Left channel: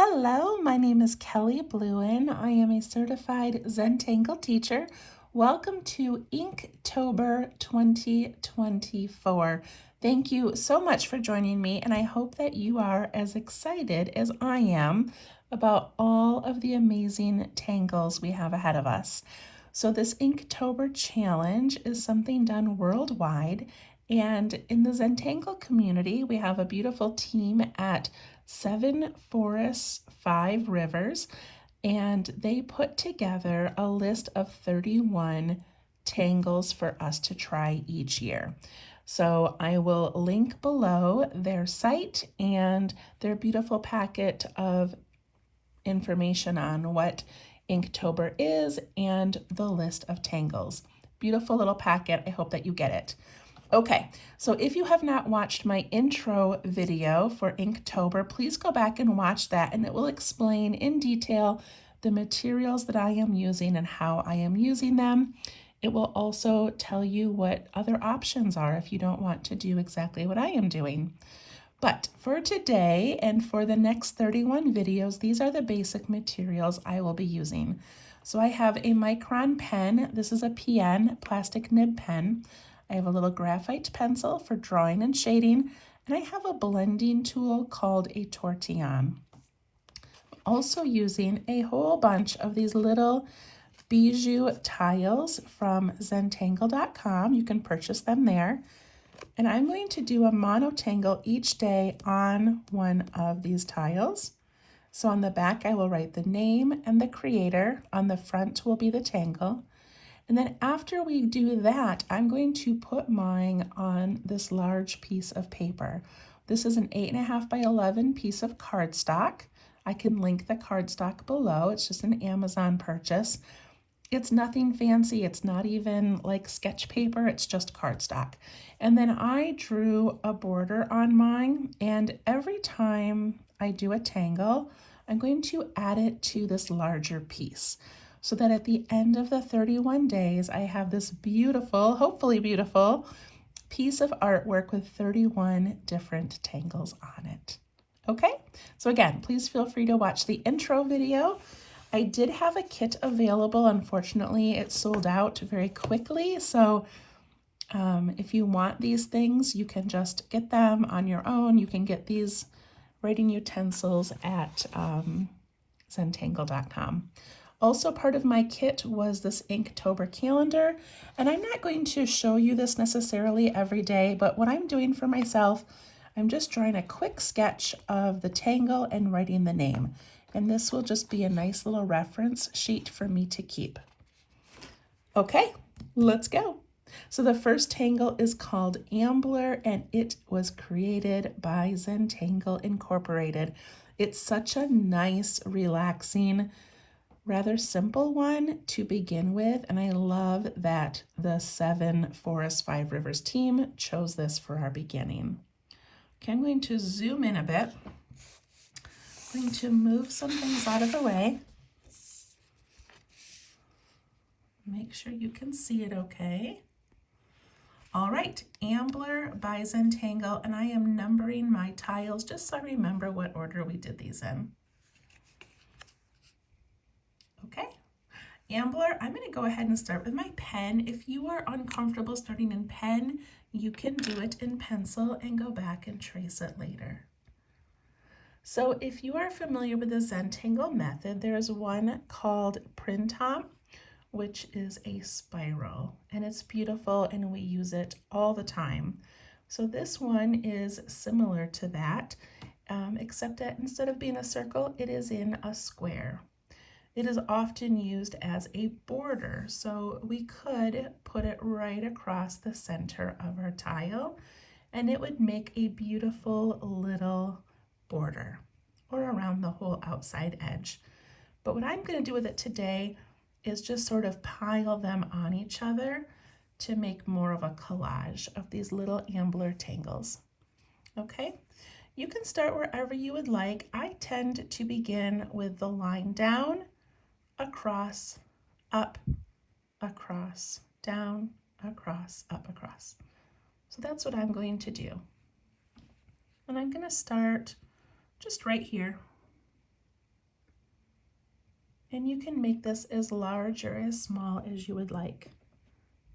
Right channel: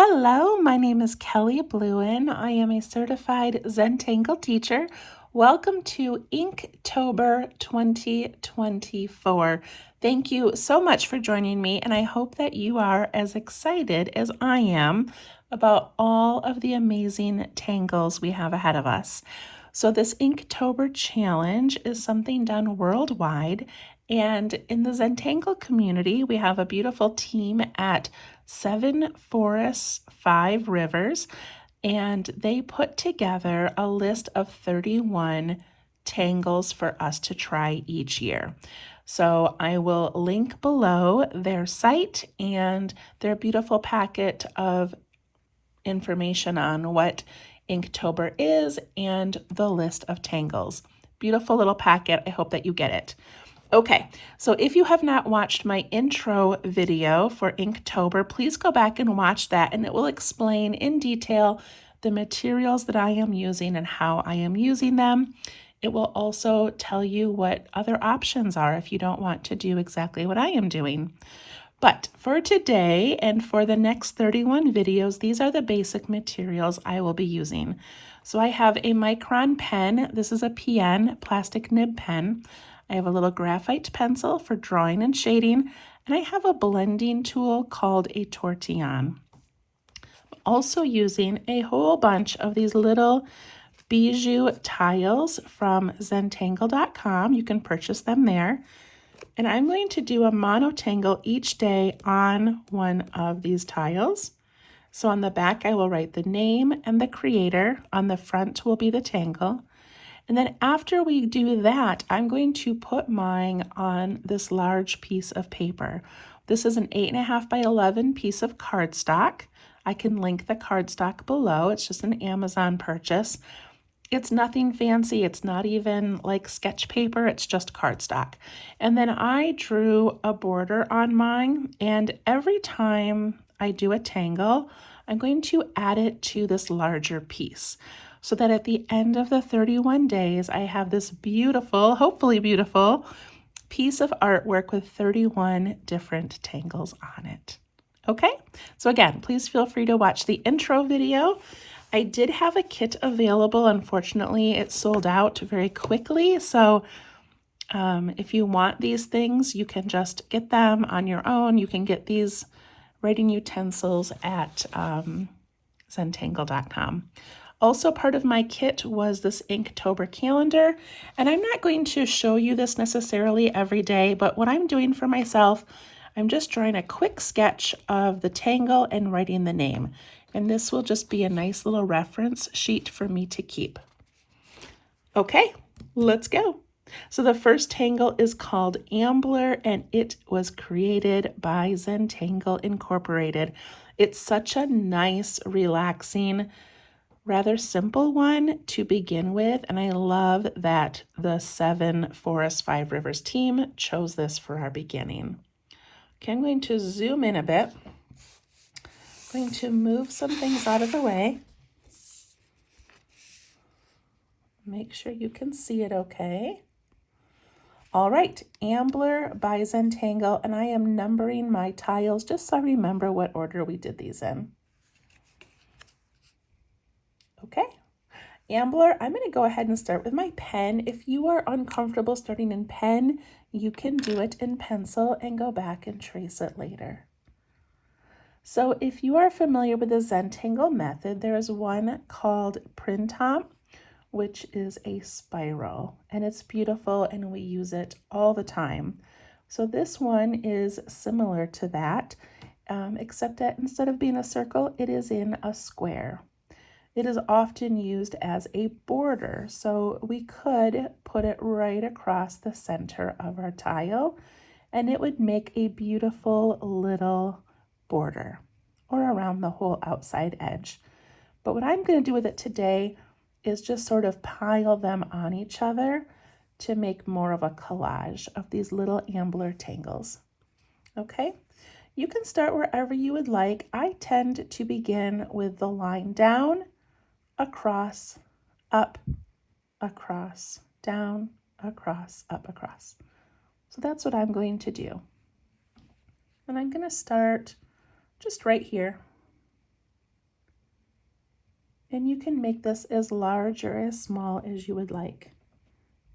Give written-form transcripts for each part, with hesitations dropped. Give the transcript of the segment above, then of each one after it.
Hello, my name is Kelly Bluen. I am a certified Zentangle teacher. Welcome to Inktober 2024. Thank you so much for joining me, and I hope that you are as excited as I am about all of the amazing tangles we have ahead of us. So this Inktober challenge is something done worldwide, and in the Zentangle community, we have a beautiful team at 7 Forests, 5 Rivers, and they put together a list of 31 tangles for us to try each year. So I will link below their site and their beautiful packet of information on what Inktober is and the list of tangles. Beautiful little packet. I hope that you get it. Okay, so if you have not watched my intro video for Inktober, please go back and watch that, and it will explain in detail the materials that I am using and how I am using them. It will also tell you what other options are if you don't want to do exactly what I am doing. But for today and for the next 31 videos, these are the basic materials I will be using. So I have a micron pen. This is a PN, plastic nib pen. I have a little graphite pencil for drawing and shading, and I have a blending tool called a tortillon. I'm also using a whole bunch of these little bijou tiles from Zentangle.com. You can purchase them there. And I'm going to do a monotangle each day on one of these tiles. So on the back, I will write the name and the creator. On the front will be the tangle. And then after we do that, I'm going to put mine on this large piece of paper. This is an 8.5 by 11 piece of cardstock. I can link the cardstock below. It's just an Amazon purchase. It's nothing fancy. It's not even like sketch paper. It's just cardstock. And then I drew a border on mine, and every time I do a tangle, I'm going to add it to this larger piece, so that at the end of the 31 days, I have this beautiful, hopefully beautiful, piece of artwork with 31 different tangles on it. Okay, so again, please feel free to watch the intro video. I did have a kit available. Unfortunately, it sold out very quickly. So if you want these things, you can just get them on your own. You can get these writing utensils at Zentangle.com. Also part of my kit was this Inktober calendar, and I'm not going to show you this necessarily every day, but what I'm doing for myself, I'm just drawing a quick sketch of the tangle and writing the name. And this will just be a nice little reference sheet for me to keep. Okay, let's go. So the first tangle is called Ambler, and it was created by Zentangle Incorporated. It's such a nice, relaxing, rather simple one to begin with, and I love that the 7 Forests, 5 Rivers team chose this for our beginning. Okay, I'm going to zoom in a bit. I'm going to move some things out of the way. Make sure you can see it okay. All right, Ambler by Zentangle, and I am numbering my tiles just so I remember what order we did these in. Okay, Ambler, I'm going to go ahead and start with my pen. If you are uncomfortable starting in pen, you can do it in pencil and go back and trace it later. So if you are familiar with the Zentangle method, there is one called Printemps, which is a spiral, and it's beautiful and we use it all the time. So this one is similar to that, except that instead of being a circle, it is in a square. It is often used as a border, so we could put it right across the center of our tile, and it would make a beautiful little border, or around the whole outside edge. But what I'm going to do with it today is just sort of pile them on each other to make more of a collage of these little Ambler tangles. Okay, you can start wherever you would like. I tend to begin with the line down, across, up, across, down, across, up, across. So that's what I'm going to do. And I'm going to start just right here. And you can make this as large or as small as you would like.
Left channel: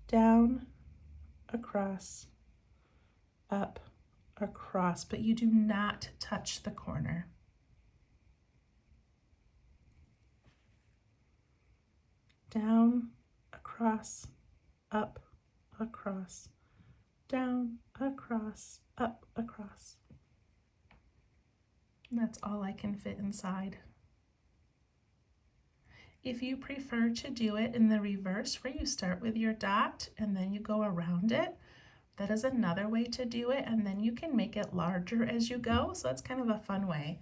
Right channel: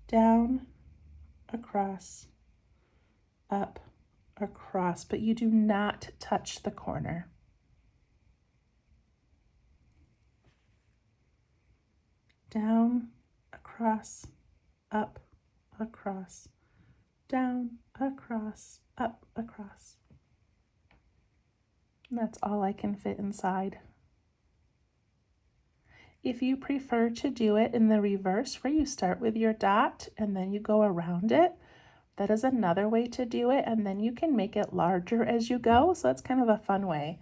Down, across, up, across, but you do not touch the corner. Down, across, up, across, down, across, up, across. And that's all I can fit inside. If you prefer to do it in the reverse, where you start with your dot and then you go around it, that is another way to do it, and then you can make it larger as you go, so that's kind of a fun way.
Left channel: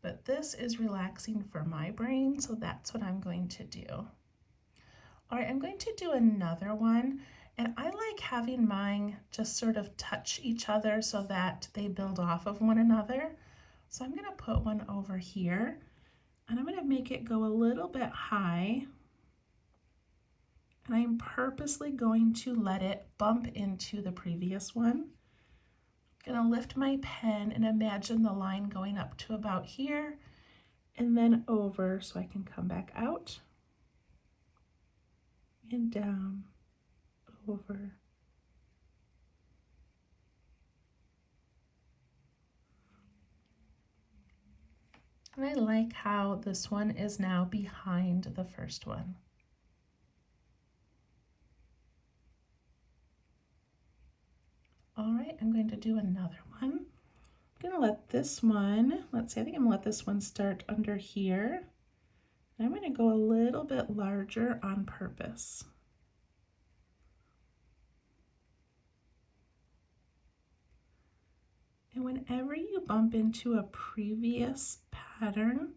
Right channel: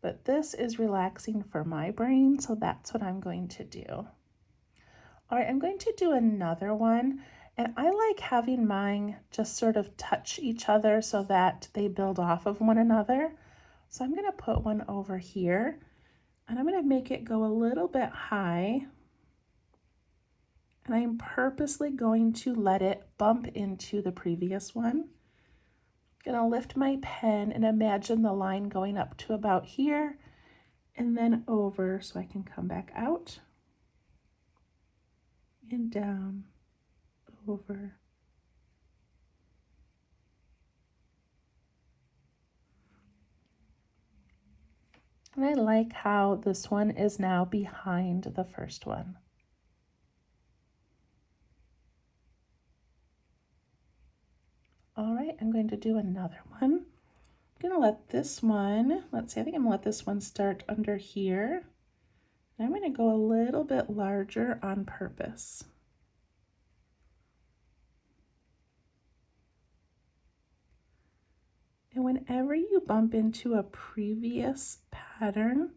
But this is relaxing for my brain, so that's what I'm going to do. All right, I'm going to do another one, and I like having mine just sort of touch each other so that they build off of one another. So I'm going to put one over here, and I'm going to make it go a little bit high. And I'm purposely going to let it bump into the previous one. I'm going to lift my pen and imagine the line going up to about here and then over so I can come back out and down, over. And I like how this one is now behind the first one. All right, I'm going to do another one. I'm going to let this one, let's see, I think I'm going to let this one start under here. I'm going to go a little bit larger on purpose. And whenever you bump into a previous pattern,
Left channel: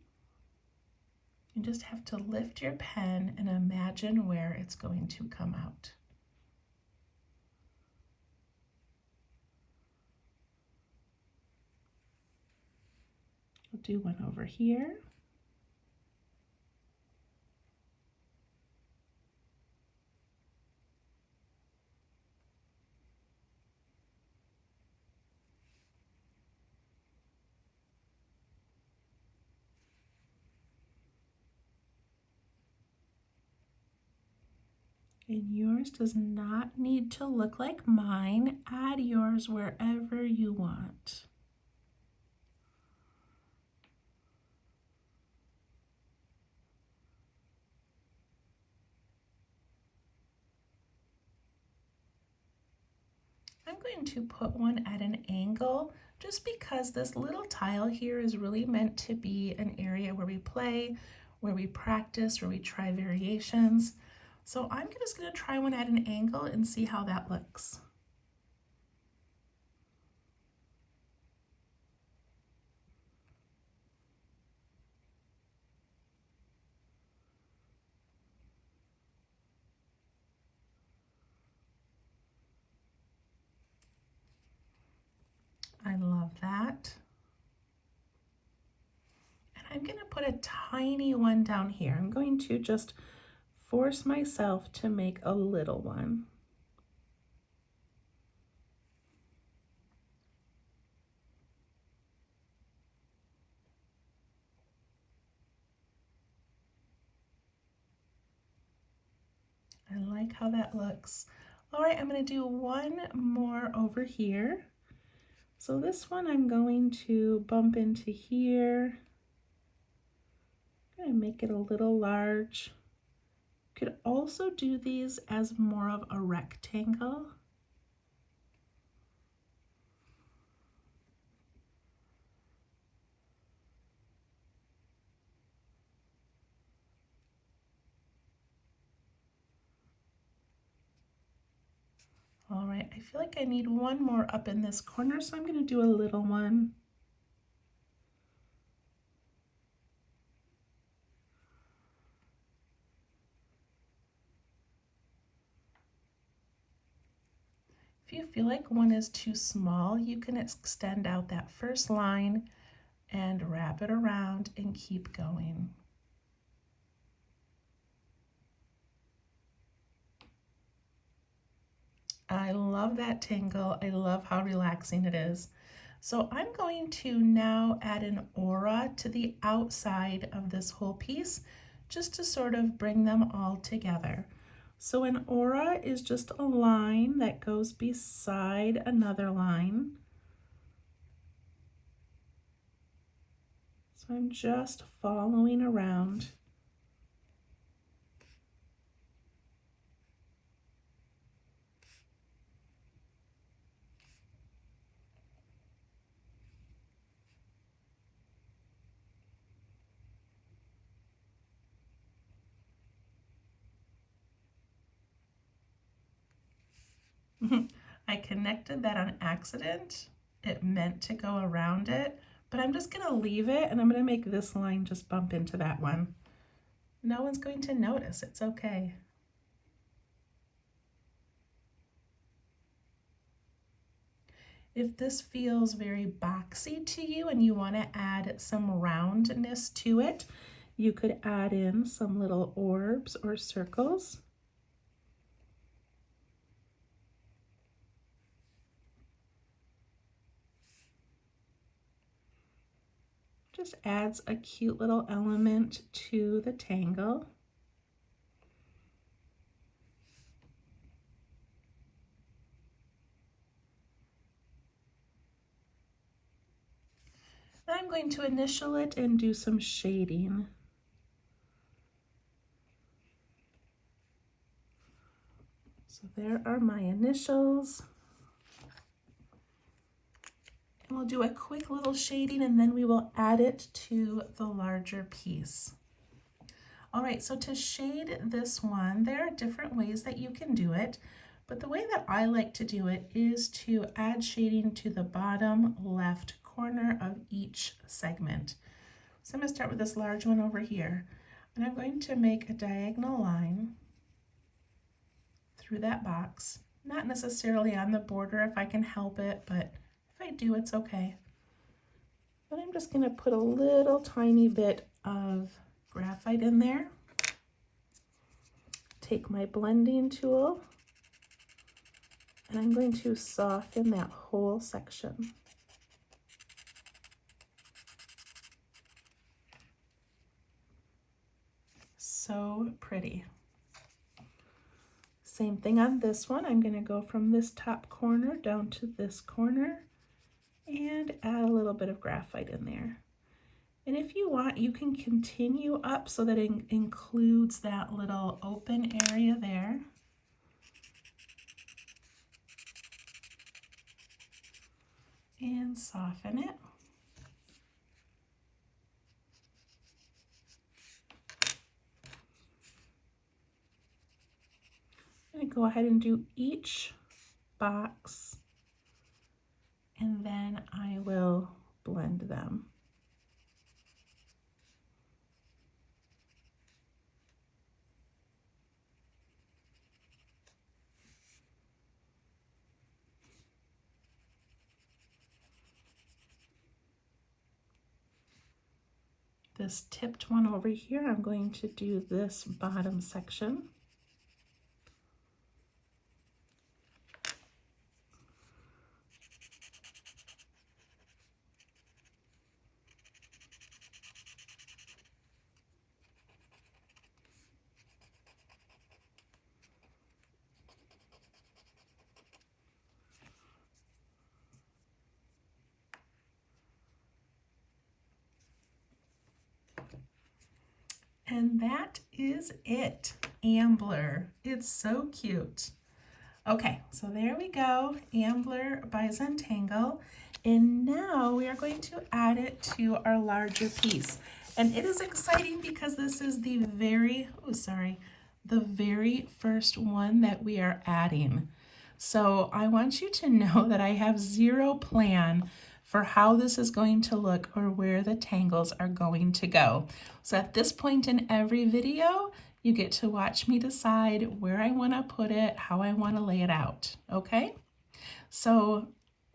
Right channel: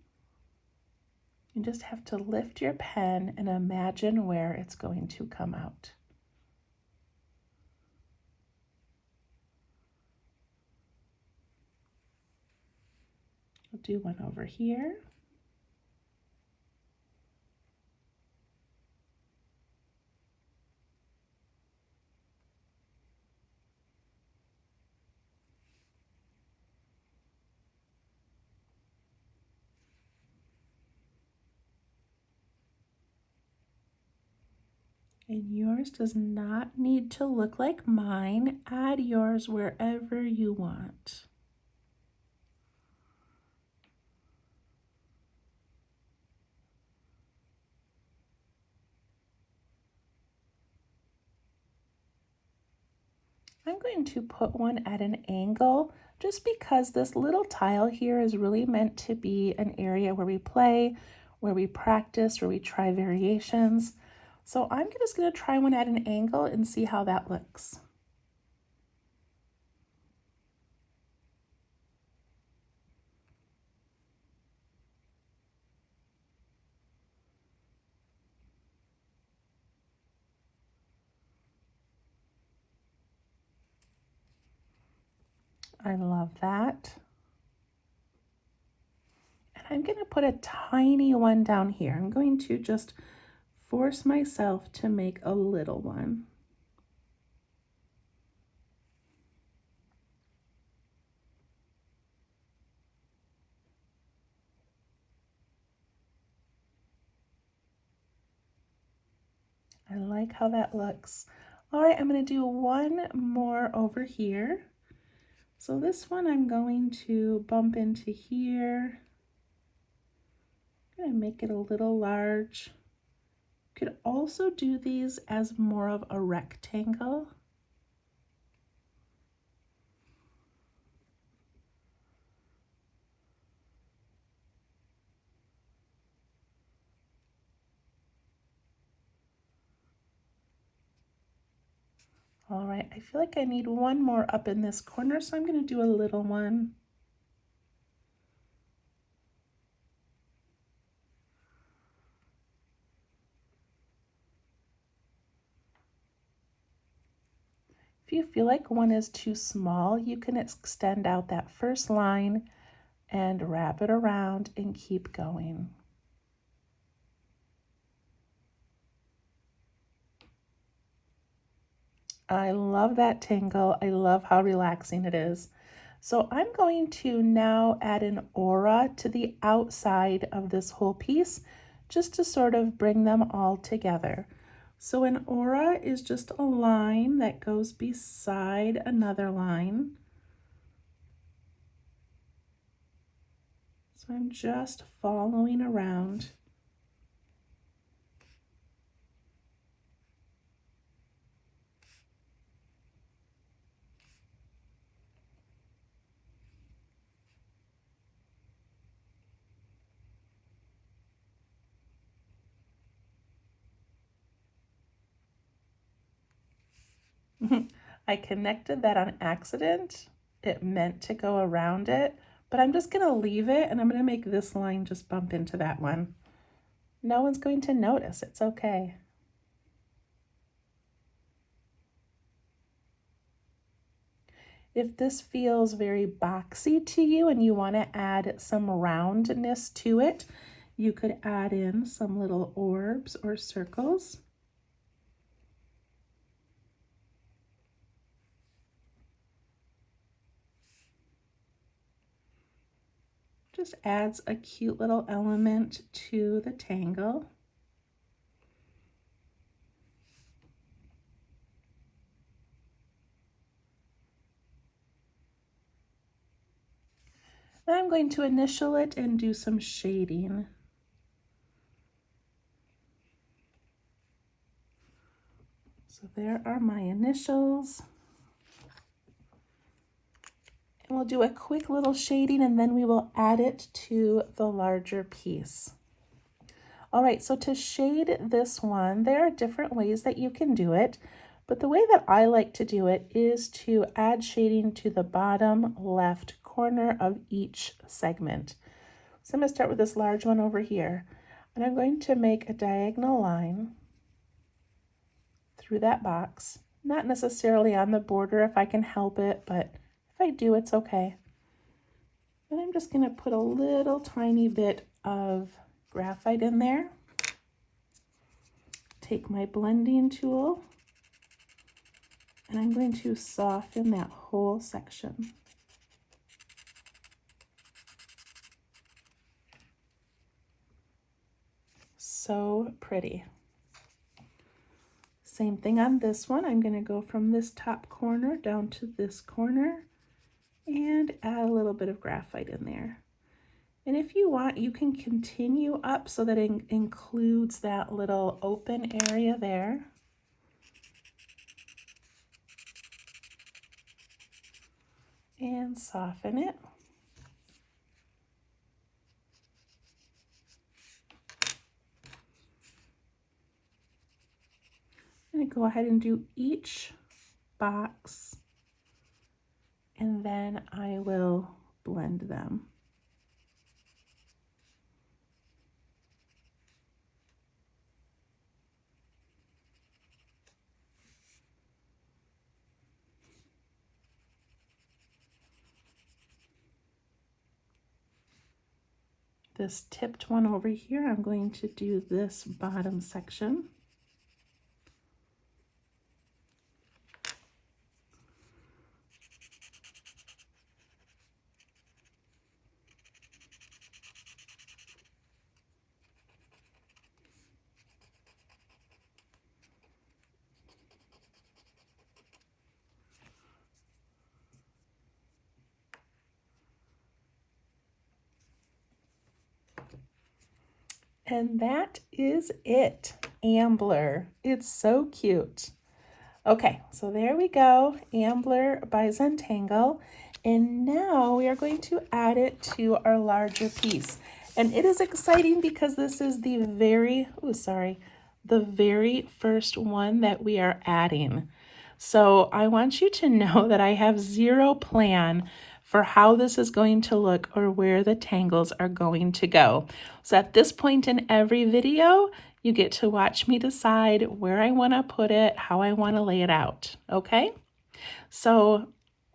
you just have to lift your pen and imagine where it's going to come out. I'll do one over here. And yours does not need to look like mine. Add yours wherever you want. I'm going to put one at an angle just because this little tile here is really meant to be an area where we play, where we practice, where we try variations. So I'm just going to try one at an angle and see how that looks. I love that. And I'm going to put a tiny one down here. I'm going to just force myself to make a little one. I like how that looks. All right, I'm going to do one more over here. So this one I'm going to bump into here. I'm going to make it a little large. Could also do these as more of a rectangle. All right, I feel like I need one more up in this corner, so I'm going to do a little one. If you feel like one is too small, you can extend out that first line and wrap it around and keep going. I love that tangle. I love how relaxing it is. So I'm going to now add an aura to the outside of this whole piece just to sort of bring them all together. So an aura is just a line that goes beside another line. So I'm just following around. I connected that on accident. It meant to go around it, but I'm just gonna leave it and I'm gonna make this line just bump into that one. No one's going to notice, it's okay. If this feels very boxy to you and you want to add some roundness to it, you could add in some little orbs or circles. Just adds a cute little element to the tangle. Then I'm going to initial it and do some shading. So there are my initials. And we'll do a quick little shading and then we will add it to the larger piece. All right, so to shade this one, there are different ways that you can do it, but the way that I like to do it is to add shading to the bottom left corner of each segment. So I'm going to start with this large one over here, and I'm going to make a diagonal line through that box, not necessarily on the border if I can help it, but if I do, it's okay. And I'm just going to put a little tiny bit of graphite in there. Take my blending tool and I'm going to soften that whole section. So pretty. Same thing on this one. I'm going to go from this top corner down to this corner and add a little bit of graphite in there. And if you want, you can continue up so that it includes that little open area there. And soften it. I'm going to go ahead and do each box and then I will blend them. This tipped one over here, I'm going to do this bottom section. And that is it, Ambler. It's so cute. Okay, so there we go, Ambler by Zentangle. And now we are going to add it to our larger piece. And it is exciting because this is the very first one that we are adding. So I want you to know that I have zero plan for how this is going to look or where the tangles are going to go. So at this point in every video, you get to watch me decide where I want to put it, how I want to lay it out, okay? So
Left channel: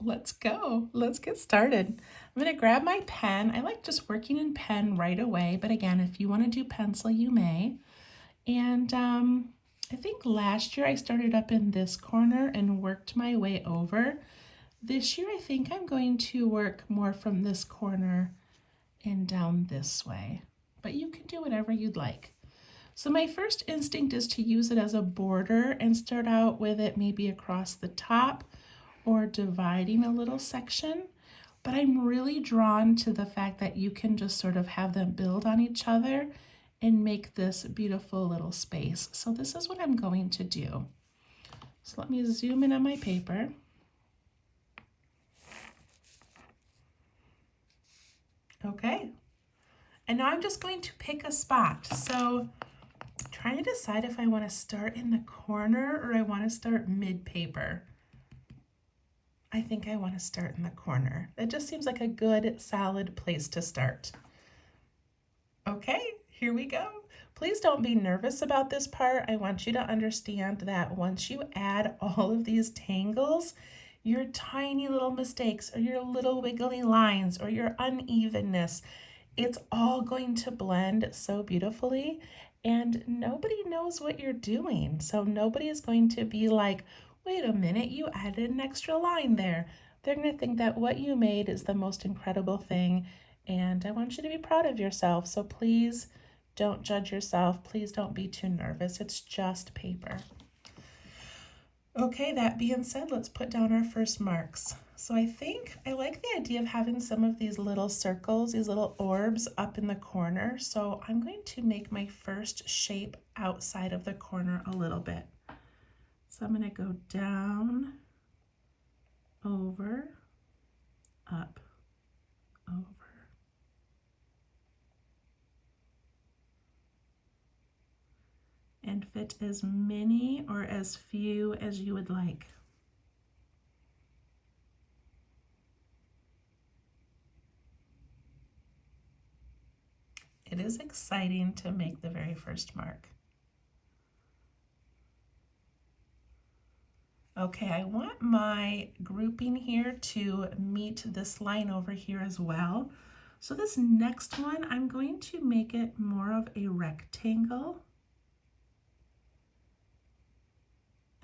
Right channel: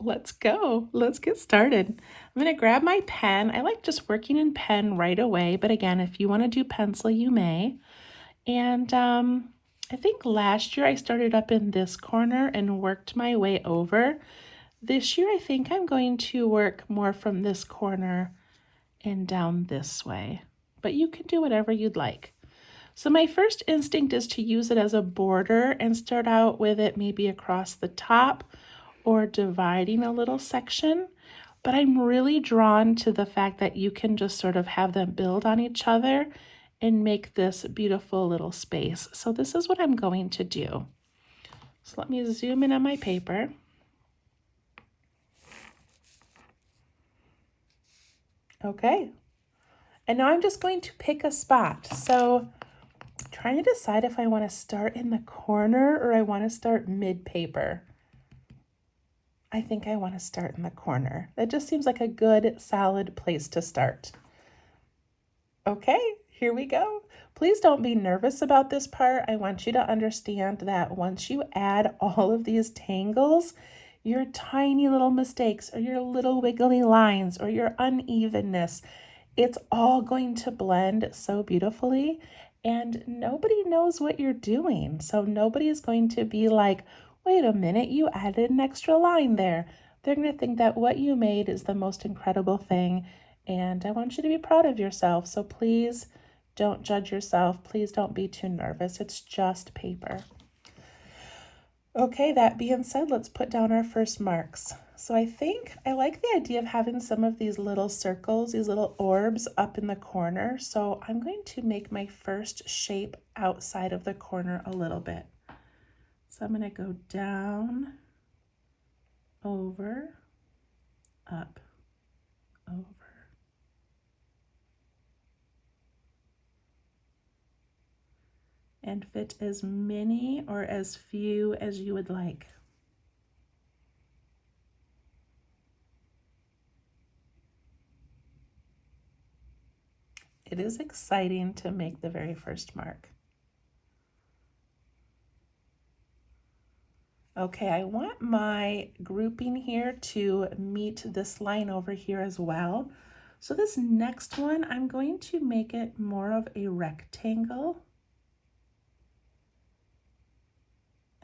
let's go. Let's get started. I'm going to grab my pen. I like just working in pen right away, but again, if you want to do pencil, you may. And I think last year I started up in this corner and worked my way over. This year I think I'm going to work more from this corner and down this way, but you can do whatever you'd like. So my first instinct is to use it as a border and start out with it maybe across the top or dividing a little section. But I'm really drawn to the fact that you can just sort of have them build on each other and make this beautiful little space. So this is what I'm going to do. So let me zoom in on my paper. Okay, and now I'm just going to pick a spot. So I'm trying to decide if I want to start in the corner or I want to start mid-paper. I think I want to start in the corner. That just seems like a good, solid place to start. Okay, here we go. Please don't be nervous about this part. I want you to understand that once you add all of these tangles, your tiny little mistakes or your little wiggly lines or your unevenness, it's all going to blend so beautifully and nobody knows what you're doing. So nobody is going to be like, wait a minute, you added an extra line there. They're going to think that what you made is the most incredible thing. And I want you to be proud of yourself. So please don't judge yourself. Please don't be too nervous. It's just paper. Okay, that being said, let's put down our first marks. So I think I like the idea of having some of these little circles, these little orbs up in the corner. So I'm going to make my first shape outside of the corner a little bit. So I'm going to go down, over, up, over. And fit as many or as few as you would like. It is exciting to make the very first mark. Okay, I want my grouping here to meet this line over here as well. So this next one, I'm going to make it more of a rectangle.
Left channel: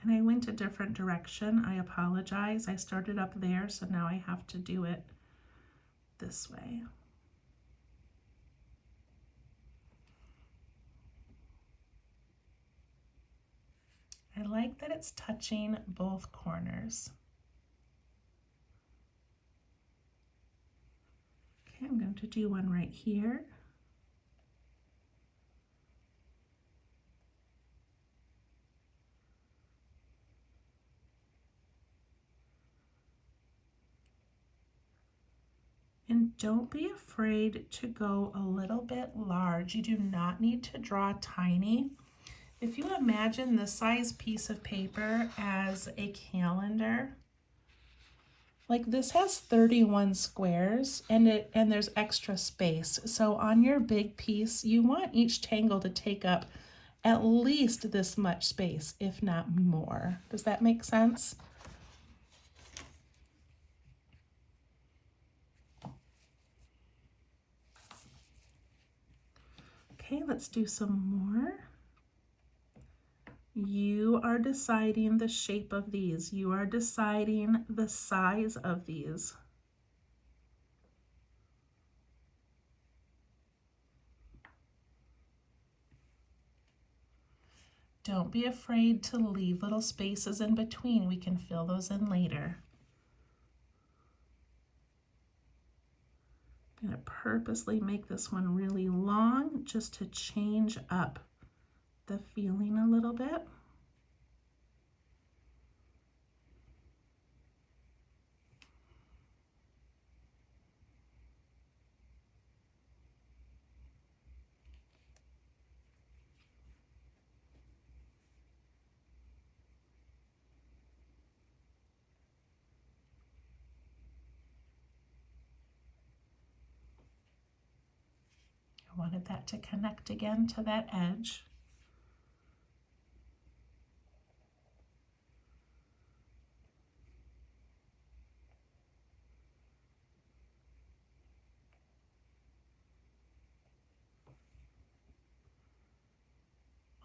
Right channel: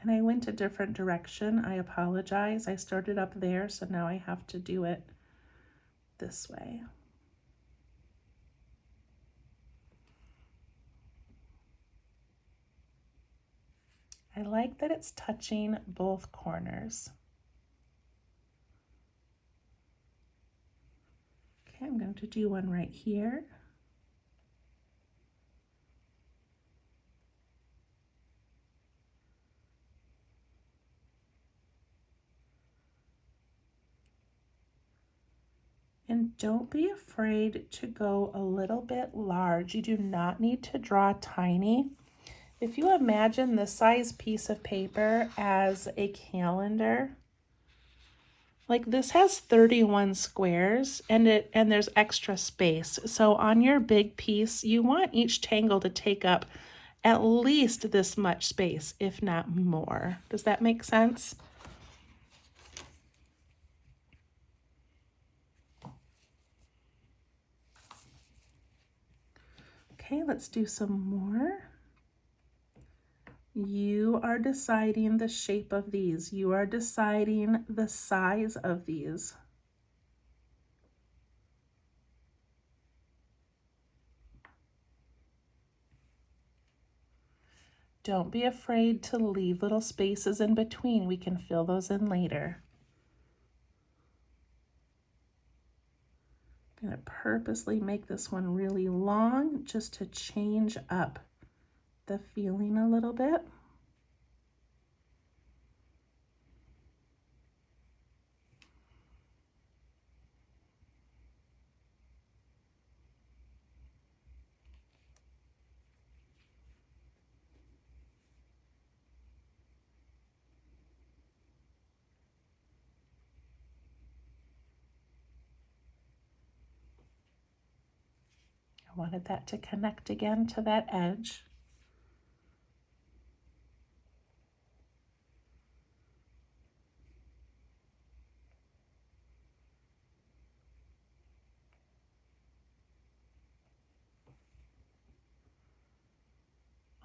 And I went a different direction. I apologize. I started up there, so now I have to do it this way. I like that it's touching both corners. Okay, I'm going to do one right here. And don't be afraid to go a little bit large. You do not need to draw tiny. If you imagine the size piece of paper as a calendar, like this has 31 squares and there's extra space. So on your big piece, you want each tangle to take up at least this much space, if not more. Does that make sense? Okay, let's do some more. You are deciding the shape of these. You are deciding the size of these. Don't be afraid to leave little spaces in between. We can fill those in later. I'm going to purposely make this one really long just to change up the feeling a little bit. I wanted that to connect again to that edge.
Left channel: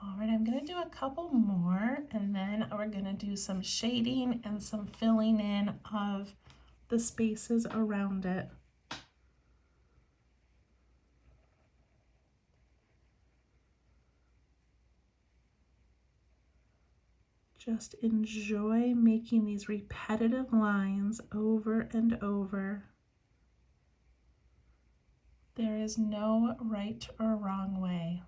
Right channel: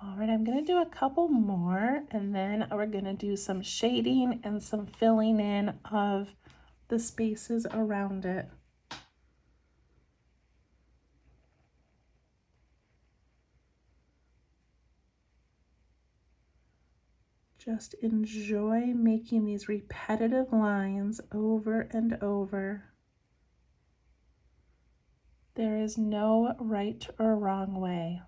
All right, I'm going to do a couple more and then we're going to do some shading and some filling in of the spaces around it. Just enjoy making these repetitive lines over and over. There is no right or wrong way.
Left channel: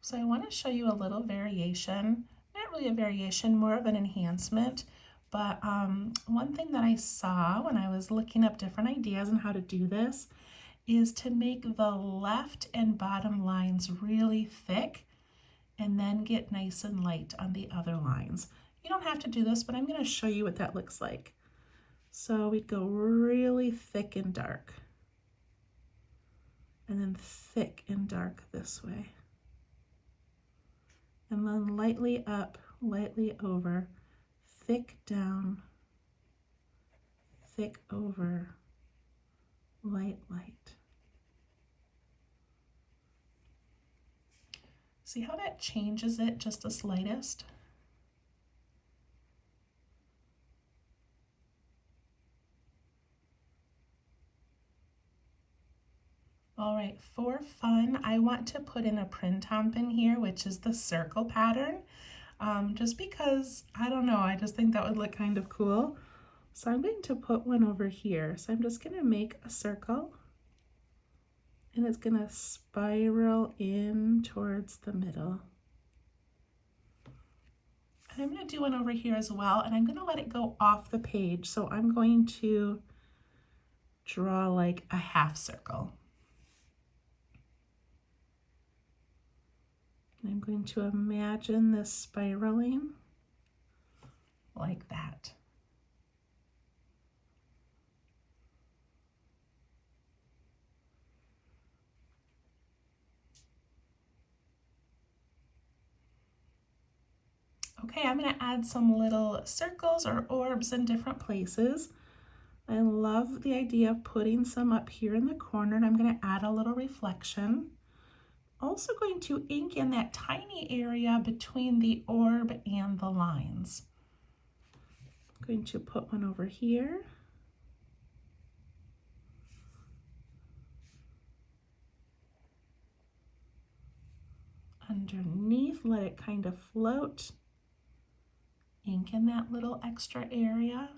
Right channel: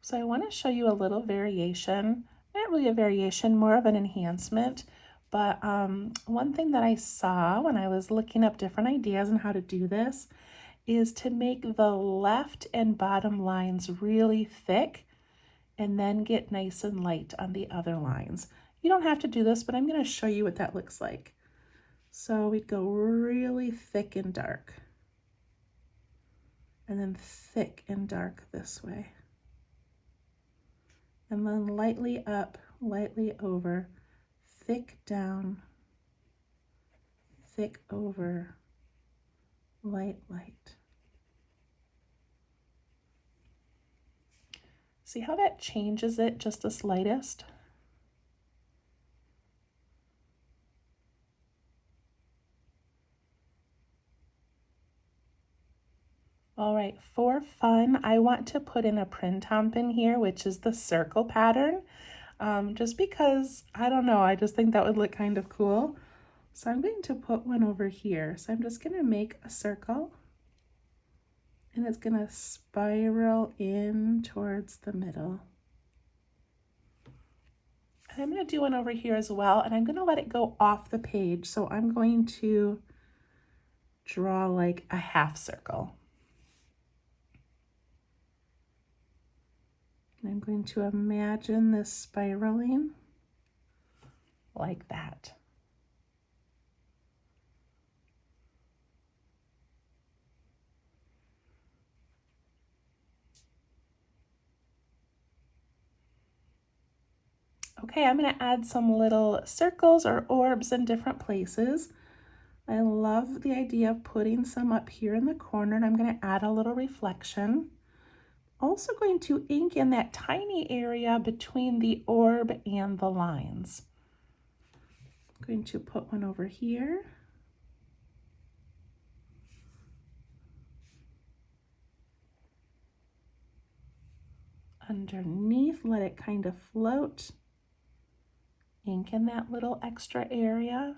So I want to show you a little variation, not really a variation, more of an enhancement. But one thing that I saw when I was looking up different ideas on how to do this is to make the left and bottom lines really thick and then get nice and light on the other lines. You don't have to do this, but I'm going to show you what that looks like. So we'd go really thick and dark, and then thick and dark this way. And then lightly up, lightly over, thick down, thick over, light, light. See how that changes it just the slightest? All right, for fun, I want to put in a printemps in here, which is the circle pattern, just because, I don't know, I just think that would look kind of cool. So I'm going to put one over here. So I'm just going to make a circle, and it's going to spiral in towards the middle. And I'm going to do one over here as well, and I'm going to let it go off the page. So I'm going to draw like a half circle. And I'm going to imagine this spiraling like that. Okay, I'm going to add some little circles or orbs in different places. I love the idea of putting some up here in the corner, and I'm going to add a little reflection. Also going to ink in that tiny area between the orb and the lines. I'm going to put one over here. Underneath, let it kind of float. Ink in that little extra area.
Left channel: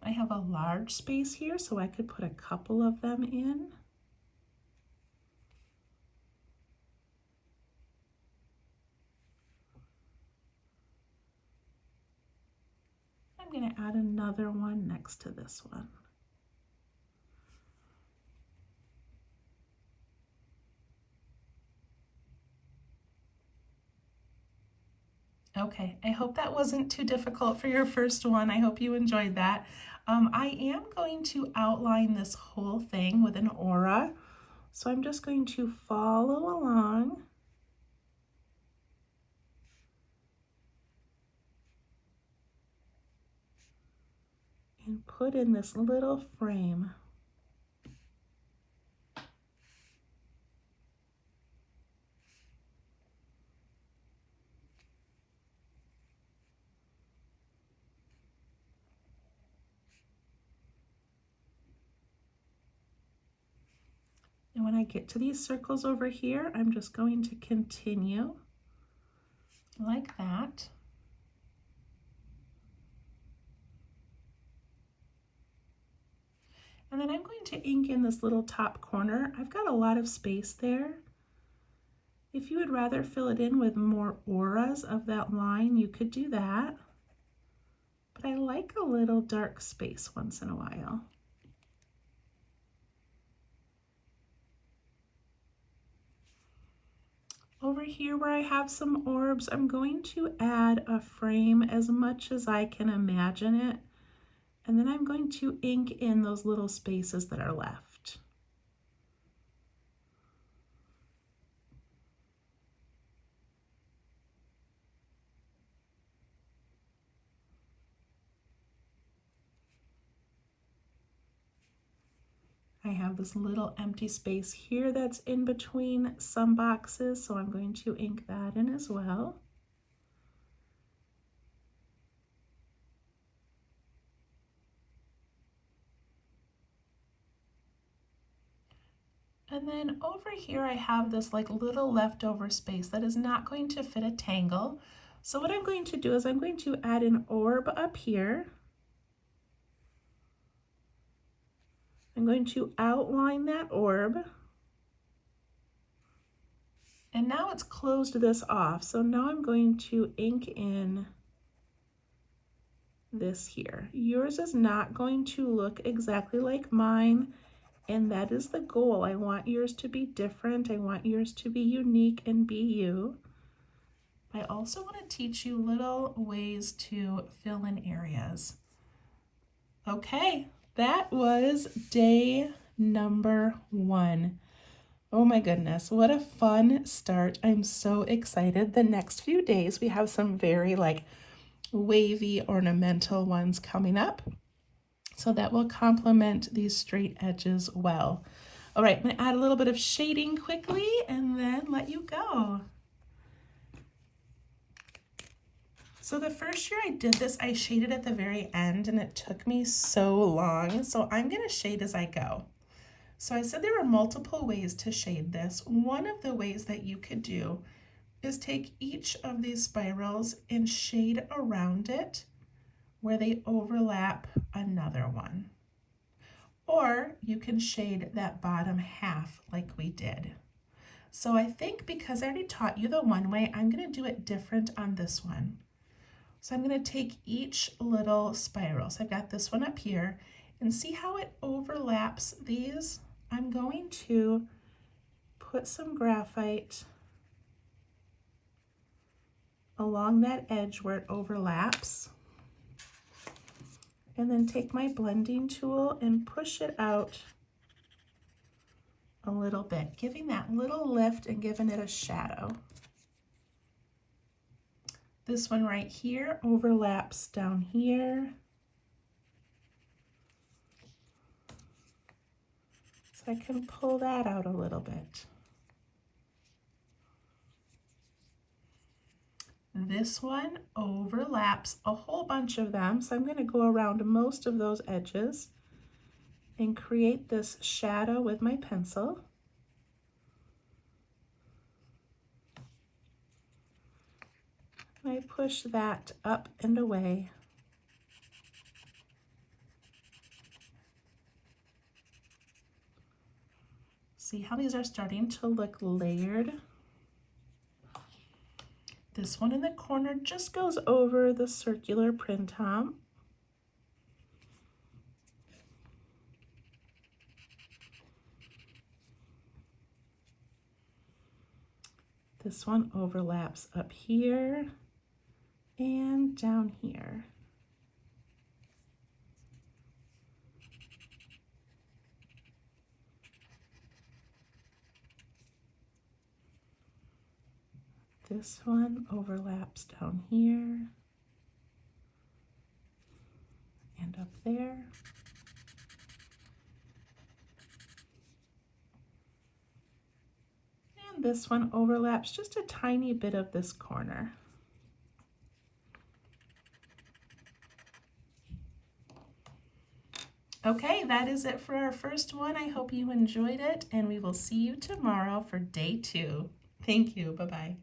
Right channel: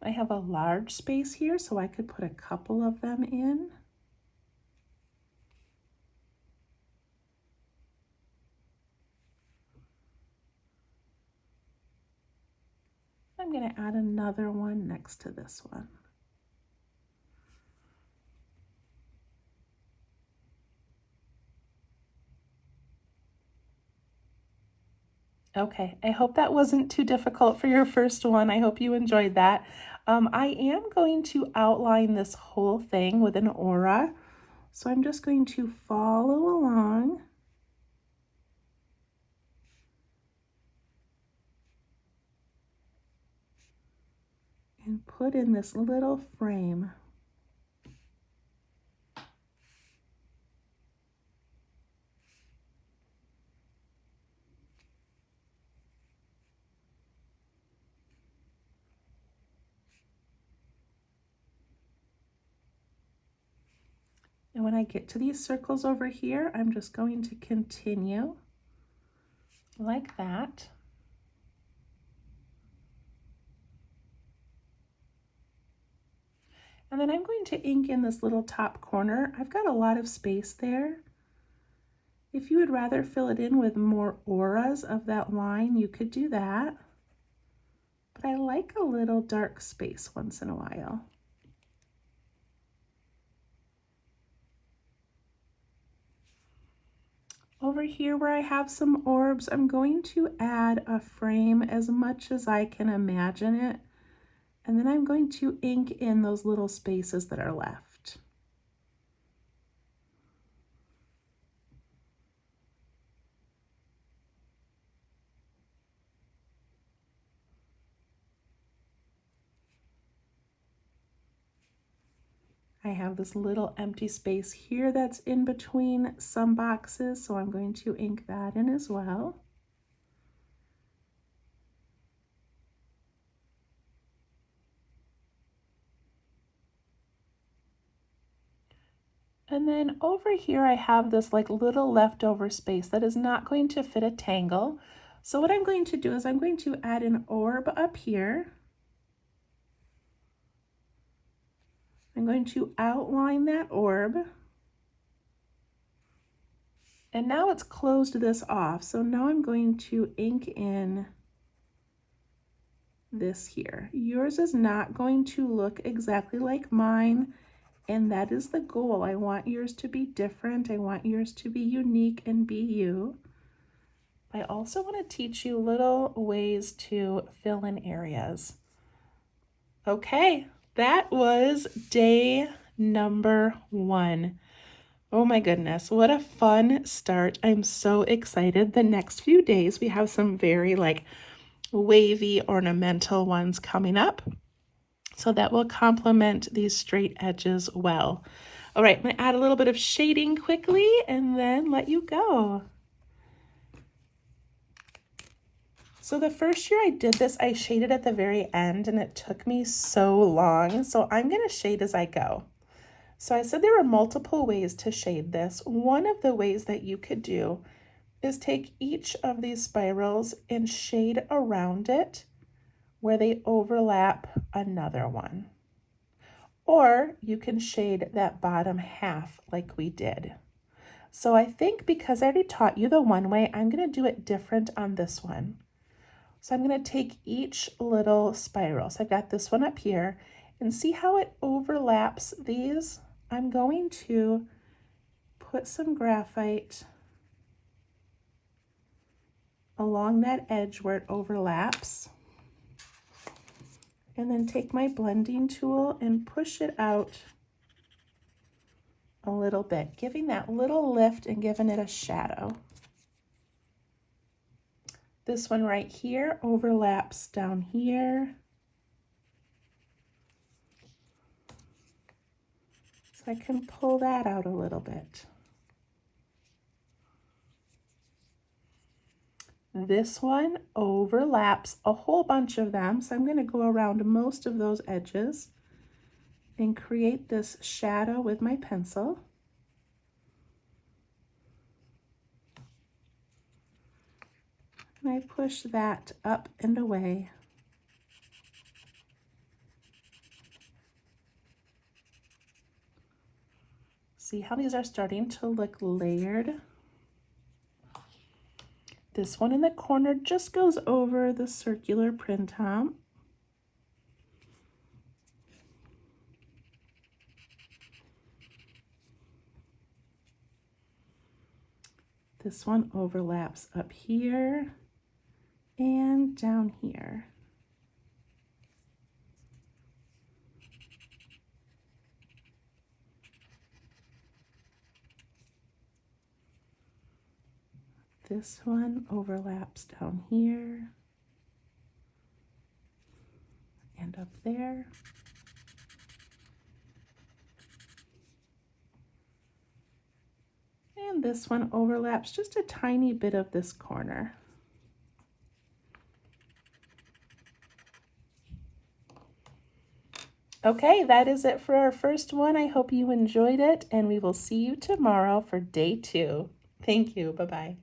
I have a large space here, so I could put a couple of them in. I'm going to add another one next to this one. Okay, I hope that wasn't too difficult for your first one. I hope you enjoyed that. I am going to outline this whole thing with an aura. So I'm just going to follow along. And put in this little frame. And when I get to these circles over here, I'm just going to continue like that. And then I'm going to ink in this little top corner. I've got a lot of space there. If you would rather fill it in with more auras of that line, you could do that. But I like a little dark space once in a while. Over here where I have some orbs, I'm going to add a frame as much as I can imagine it. And then I'm going to ink in those little spaces that are left. I have this little empty space here that's in between some boxes, so I'm going to ink that in as well. And then over here I have this like little leftover space that is not going to fit a tangle. So what I'm going to do is I'm going to add an orb up here. I'm going to outline that orb. And now it's closed this off. So now I'm going to ink in this here. Yours is not going to look exactly like mine, and that is the goal. I want yours to be different. I want yours to be unique and be you. I also want to teach you little ways to fill in areas. Okay, that was day number 1. Oh my goodness, what a fun start. I'm so excited. The next few days we have some very like wavy ornamental ones coming up. So that will complement these straight edges well. All right, I'm gonna add a little bit of shading quickly and then let you go. So the first year I did this, I shaded at the very end and it took me so long. So I'm gonna shade as I go. So I said there were multiple ways to shade this. One of the ways that you could do is take each of these spirals and shade around it where they overlap another one. Or you can shade that bottom half like we did. So I think because I already taught you the one way, I'm gonna do it different on this one. So I'm gonna take each little spiral. So I've got this one up here and see how it overlaps these. I'm going to put some graphite along that edge where it overlaps, and then take my blending tool and push it out a little bit, giving that little lift and giving it a shadow. This one right here overlaps down here. So I can pull that out a little bit. This one overlaps a whole bunch of them, so I'm going to go around most of those edges and create this shadow with my pencil. And I push that up and away. See how these are starting to look layered? This one in the corner just goes over the circular printout. This one overlaps up here and down here. This one overlaps down here and up there. And this one overlaps just a tiny bit of this corner. Okay, that is it for our first one. I hope you enjoyed it, and we will see you tomorrow for day 2. Thank you. Bye-bye.